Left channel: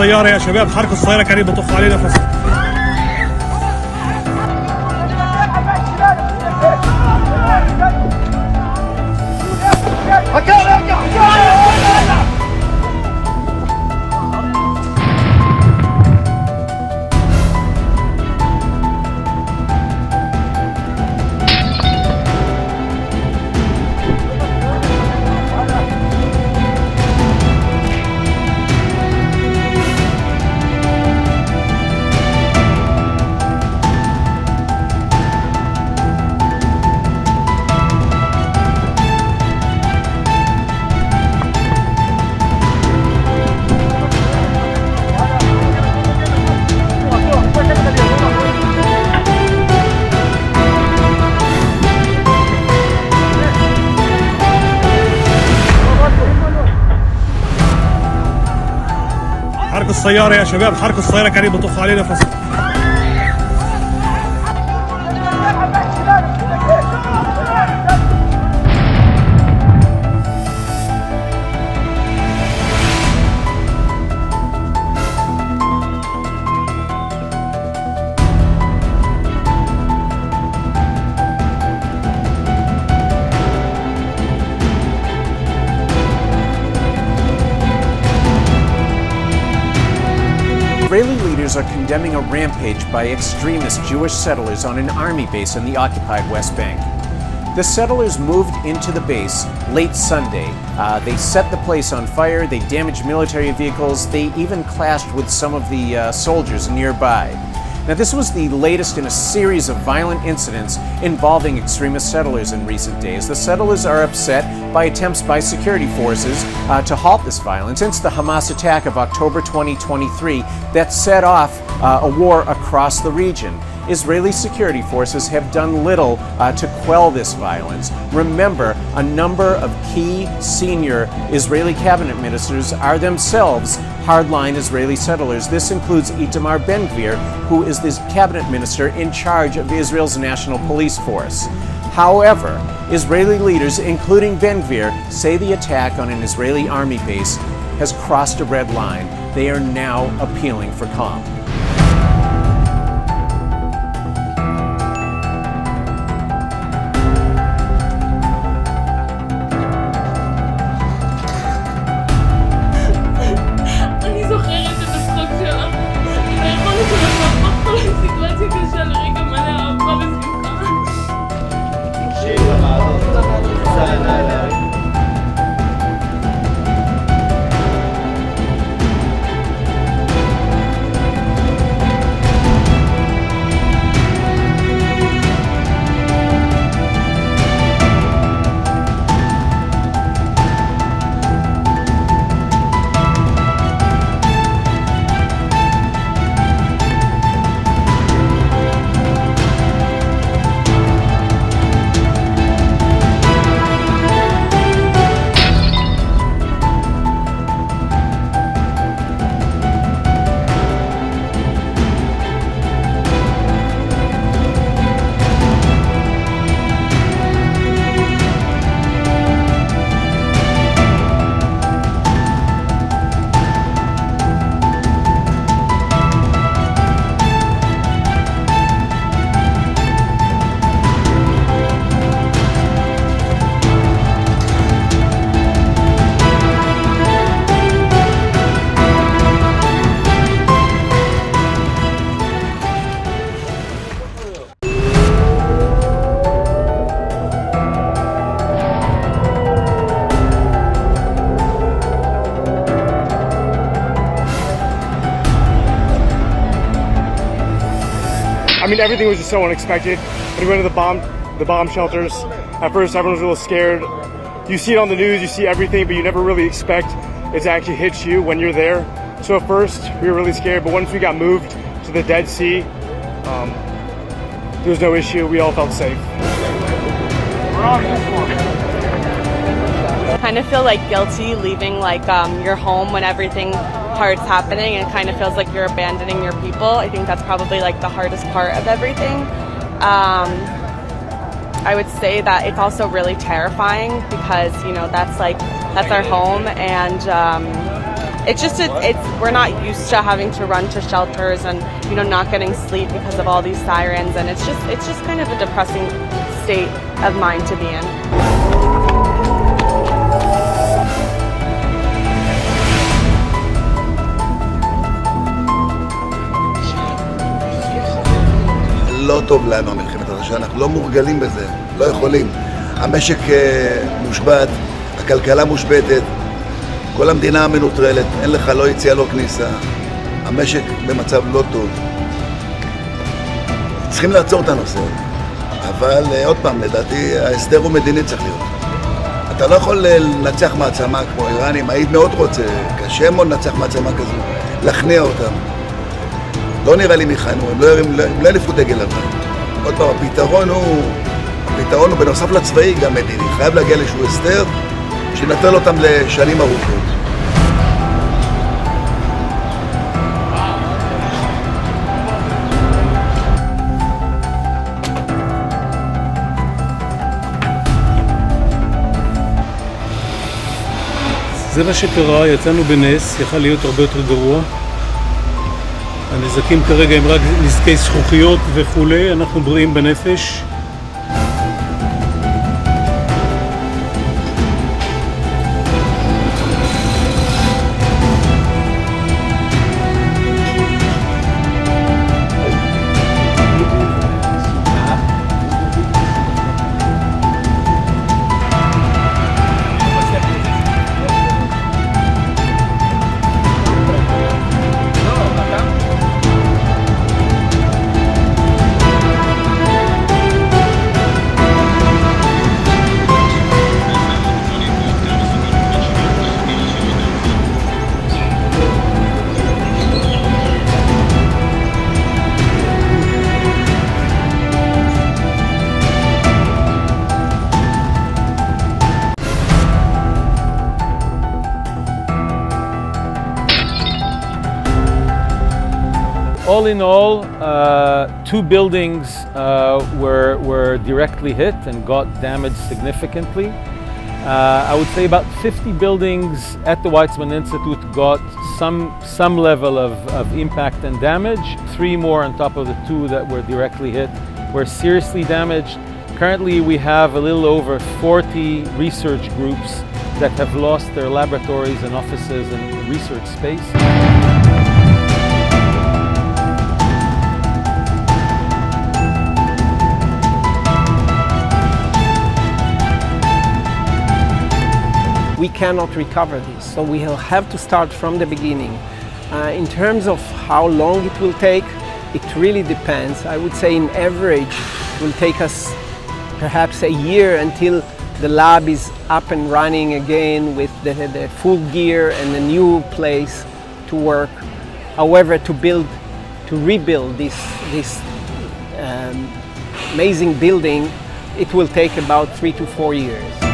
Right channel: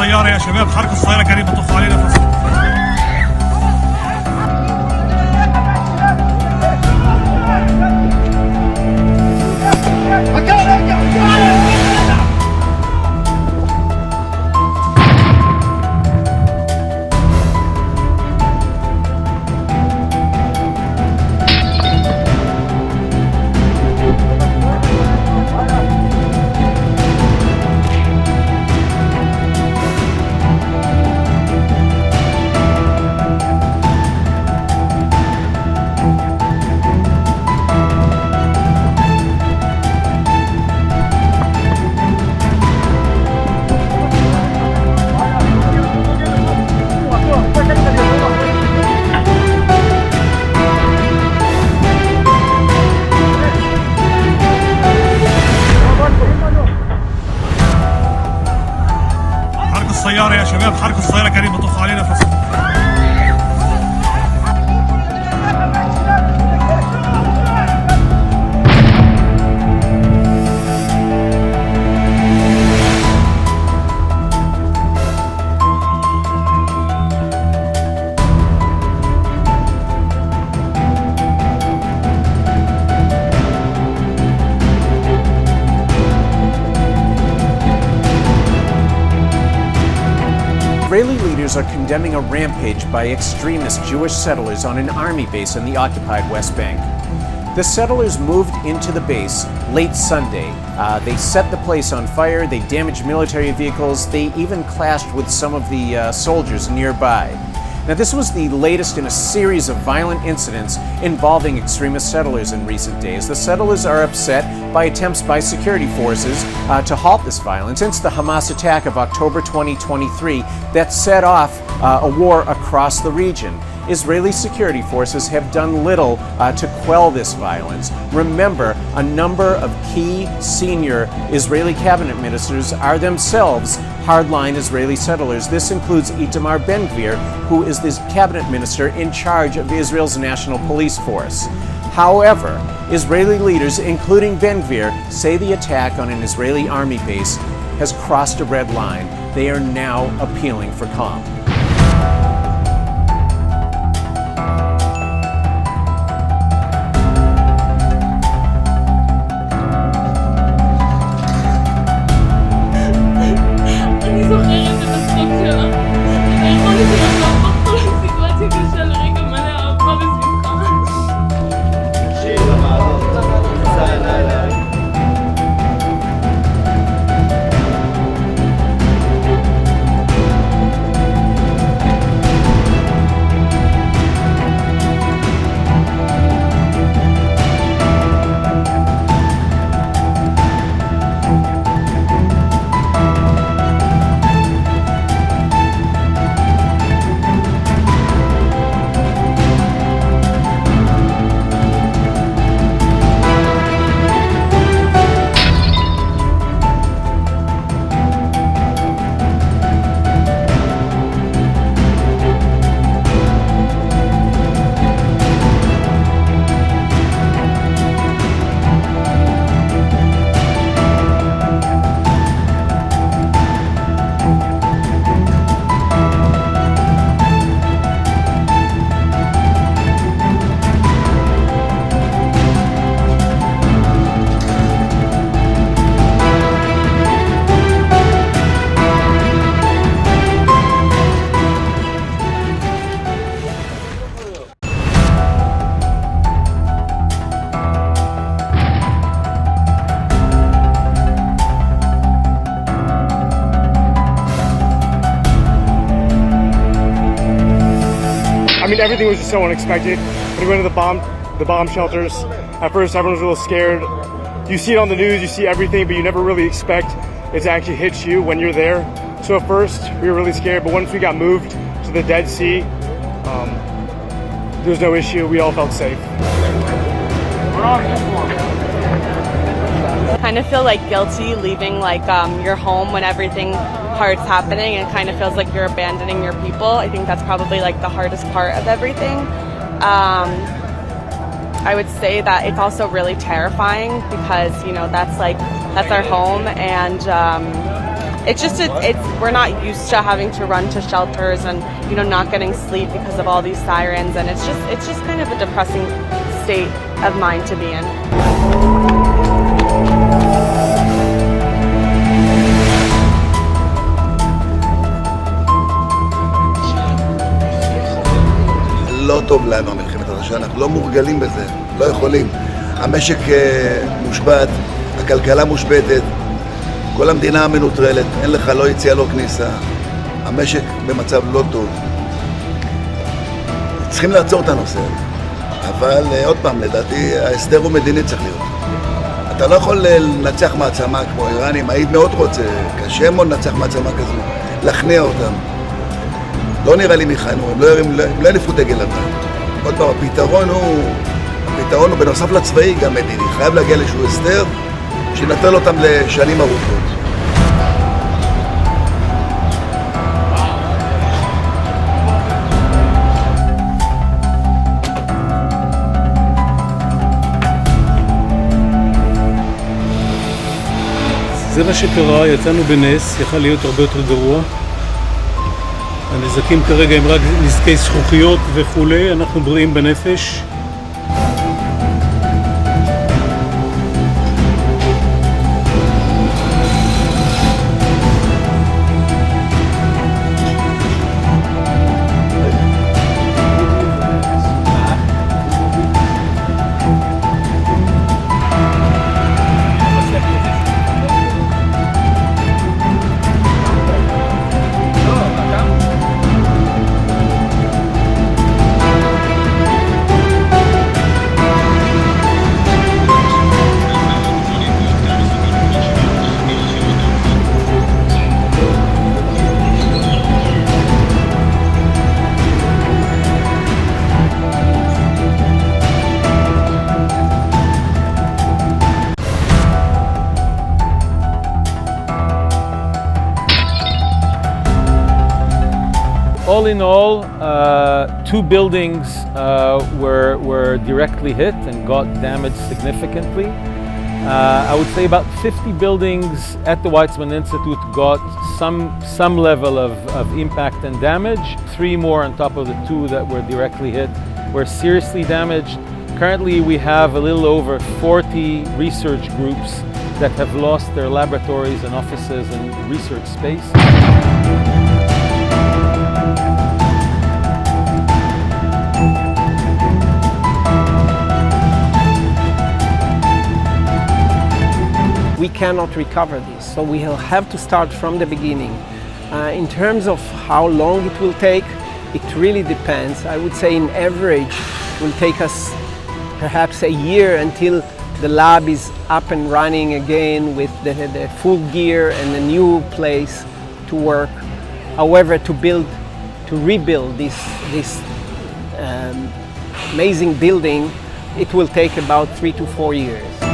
السيارة يا شباب، حركوا السيارة كريم بطخوا علينا فصل. السيارة يا شباب، حركوا السيارة كريم بطخوا علينا فصل. Israeli leaders are condemning a rampage by extremist Jewish settlers on an army base in the occupied West Bank. The settlers moved into the base late Sunday. They set the place on fire, they damaged military vehicles, they even clashed with some of the soldiers nearby. Now, this was the latest in a series of violent incidents involving extremist settlers in recent days. The settlers are upset by attempts by security forces to halt this violence since the Hamas attack of October 2023 that set off a war across the region. Israeli security forces have done little to quell this violence. Remember, a number of key senior Israeli cabinet ministers are themselves hardline Israeli settlers. This includes Itamar Ben-Gvir, who is the cabinet minister in charge of Israel's national police force. However, Israeli leaders, including Ben-Gvir, say the attack on an Israeli army base has crossed a red line. They are now appealing for calm. אני זוכרת את הצחוק שלה, את היכולת שלה להפוך כל סיטואציה קשה לרגע מלא אהבה ושמחה. I mean, everything was just so unexpected. When we went to the bomb shelters, at first everyone was a little scared. You see it on the news, you see everything, but you never really expect it to actually hit you when you're there. So at first, we were really scared, but once we got moved to the Dead Sea, there was no issue. We all felt safe. Kind of feel like guilty leaving like your home when everything hard's happening, and kind of feels like you're abandoning your people. I think that's probably like the hardest part of everything. I would say that it's also really terrifying because, you know, that's our home, and we're not used to having to run to shelters and not getting sleep because of all these sirens, and it's just kind of a depressing state of mind to be in. לא טוב לנו המלחמת הזאת, שאנחנו לא מורגלים בזה, לא יכולים. המשק מושבת, הכלכלה מושבתת, כל המדינה מנוטרלת, אין לך לא יציאה לא כניסה, המשק במצב לא טוב. צריכים לעצור את הנושא הזה, אבל עוד פעם, לדעתי ההסדר הוא מדיני צריך להיות. אתה לא יכול לנצח מעצמה כמו איראנים, היית מאוד רוצה, קשה מאוד לנצח מעצמה כזו, להכניע אותם. לא נראה לי מיכנו, הם לא ינפו דגל לבן. עוד פעם, הפתרון הוא בנוסף לצבאי גם מדיני, חייב להגיע לאיזשהו הסדר שנטל אותם לשנים ארוכות. זה מה שקרה, יצאנו בנס, יכל להיות הרבה יותר גרוע. הנזקים כרגע הם רק נזקי זכוכיות וכולי, אנחנו בריאים בנפש. All in all, 2 buildings were directly hit and got damaged significantly. I would say about 50 buildings at the Weizmann Institute got some level of impact and damage. 3 more on top of the 2 that were directly hit were seriously damaged. Currently we have a little over 40 research groups that have lost their laboratories and offices and research space. We cannot recover this, so we will have to start from the beginning. In terms of how long it will take, it really depends. I would say in average it will take us perhaps a year until the lab is up and running again with the full gear and a new place to work. However, to rebuild this amazing building, it will take about 3 to 4 years.